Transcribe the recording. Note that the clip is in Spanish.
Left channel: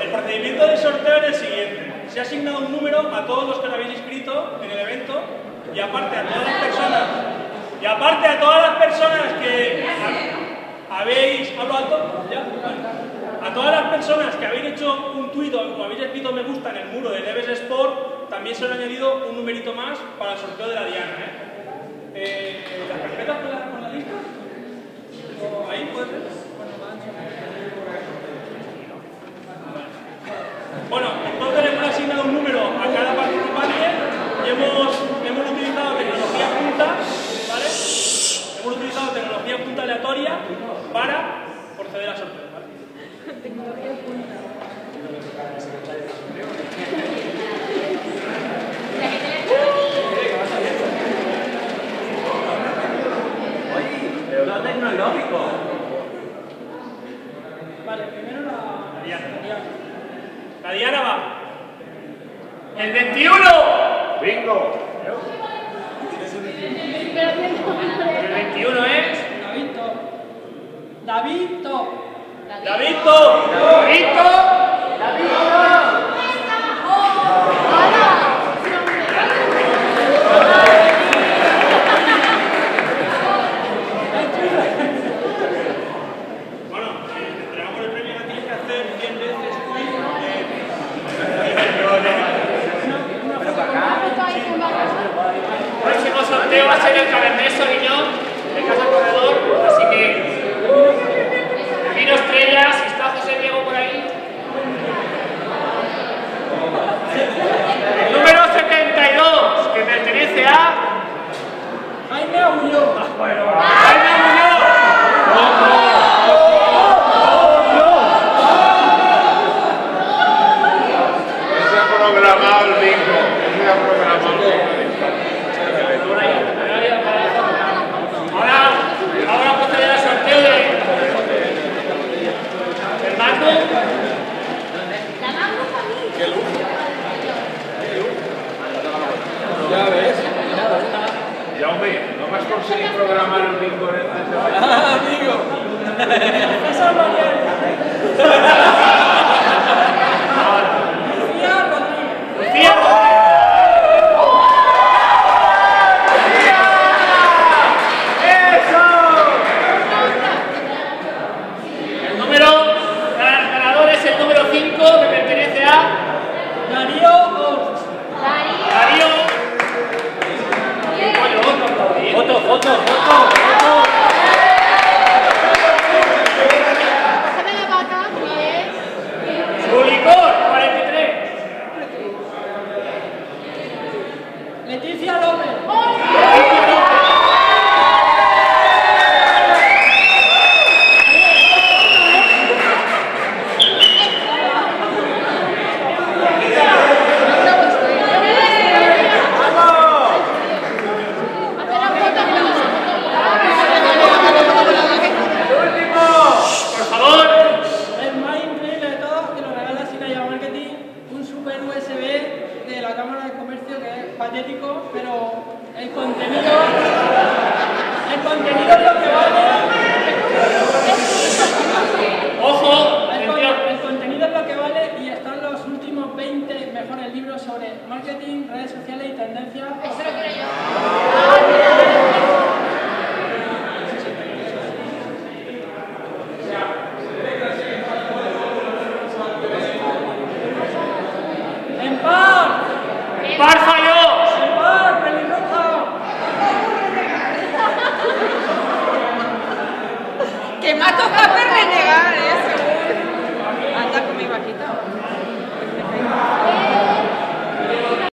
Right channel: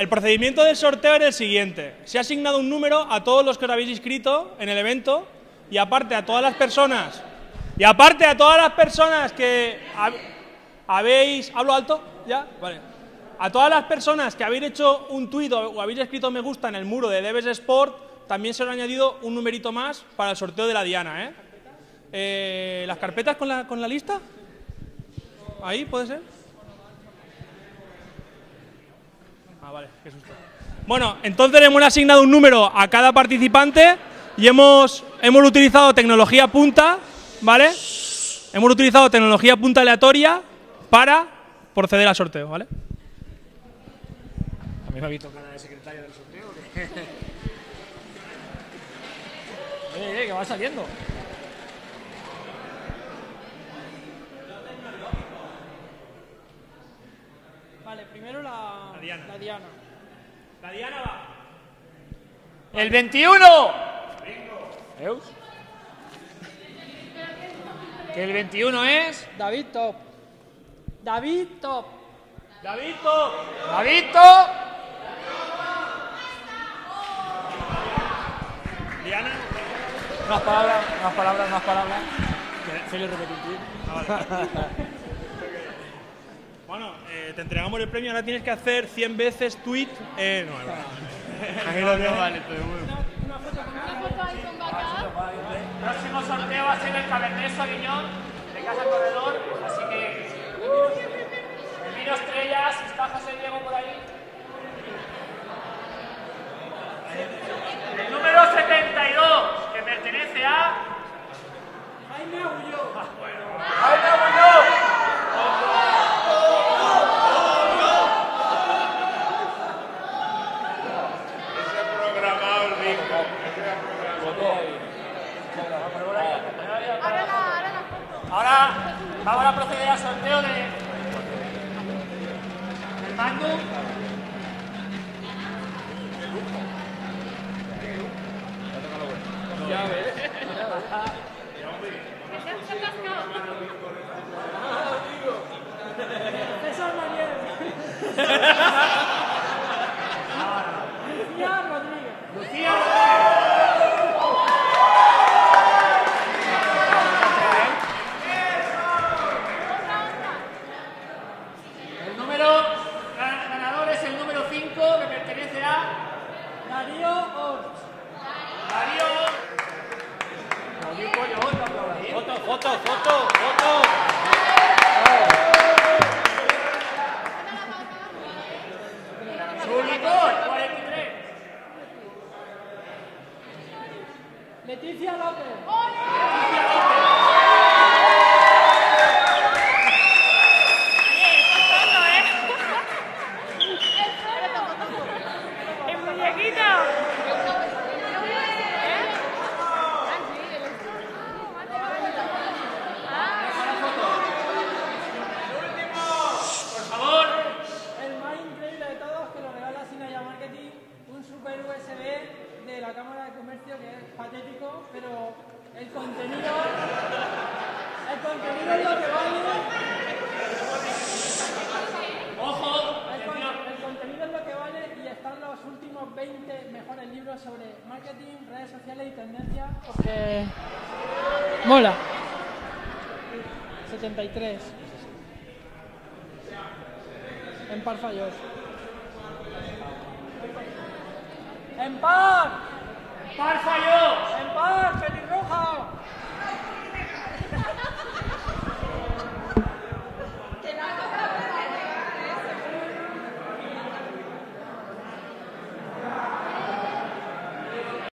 El procedimiento del sorteo es el siguiente. Se ha asignado un número a todos los que os habéis inscrito en el evento y aparte a todas las personas que habéis... ¿Hablo alto? ¿Ya? Vale. A todas las personas que habéis hecho un tuit o habéis escrito me gusta en el muro de Deves Sport, también se os ha añadido un numerito más para el sorteo de la diana, ¿Las carpetas con la lista? ¿Ahí puede ser? Bueno, entonces hemos asignado un número a cada participante y hemos utilizado tecnología punta, ¿vale? Hemos utilizado tecnología punta aleatoria para proceder al sorteo, ¿vale? Vale, primero la diana. La diana va. El 21. Bingo. El 21 es. Davito. Davito. Bueno, te entregamos el premio, ahora tienes que hacer 100 veces tweet. El próximo sorteo va a ser el Cabernet Sauvignon de Casa Corredor, así que Vino Estrellas, ¿está José Diego por ahí? El número 72, que pertenece a Jaime Agulló. Jaime Agulló. Se ha programado el bingo. Se ha programado. Ahora proceder al sorteo del mando. Ya ves. Ya, hombre, no me has conseguido programar el bingo en el Amigo. Esa Lucía. El número ganador es el número 5, que pertenece a Darío Oz. Darío. Foto. Su licor, 43. Leticia López. Por favor. El más increíble de todos, que nos regala Sinaya Marketing, un super USB de la Cámara de Comercio que es patético, pero el contenido es lo que vale. Ojo, atención. El contenido es lo que vale y están los últimos 20 mejores libros sobre marketing, redes sociales y tendencias. Par falló. Que me ha tocado perder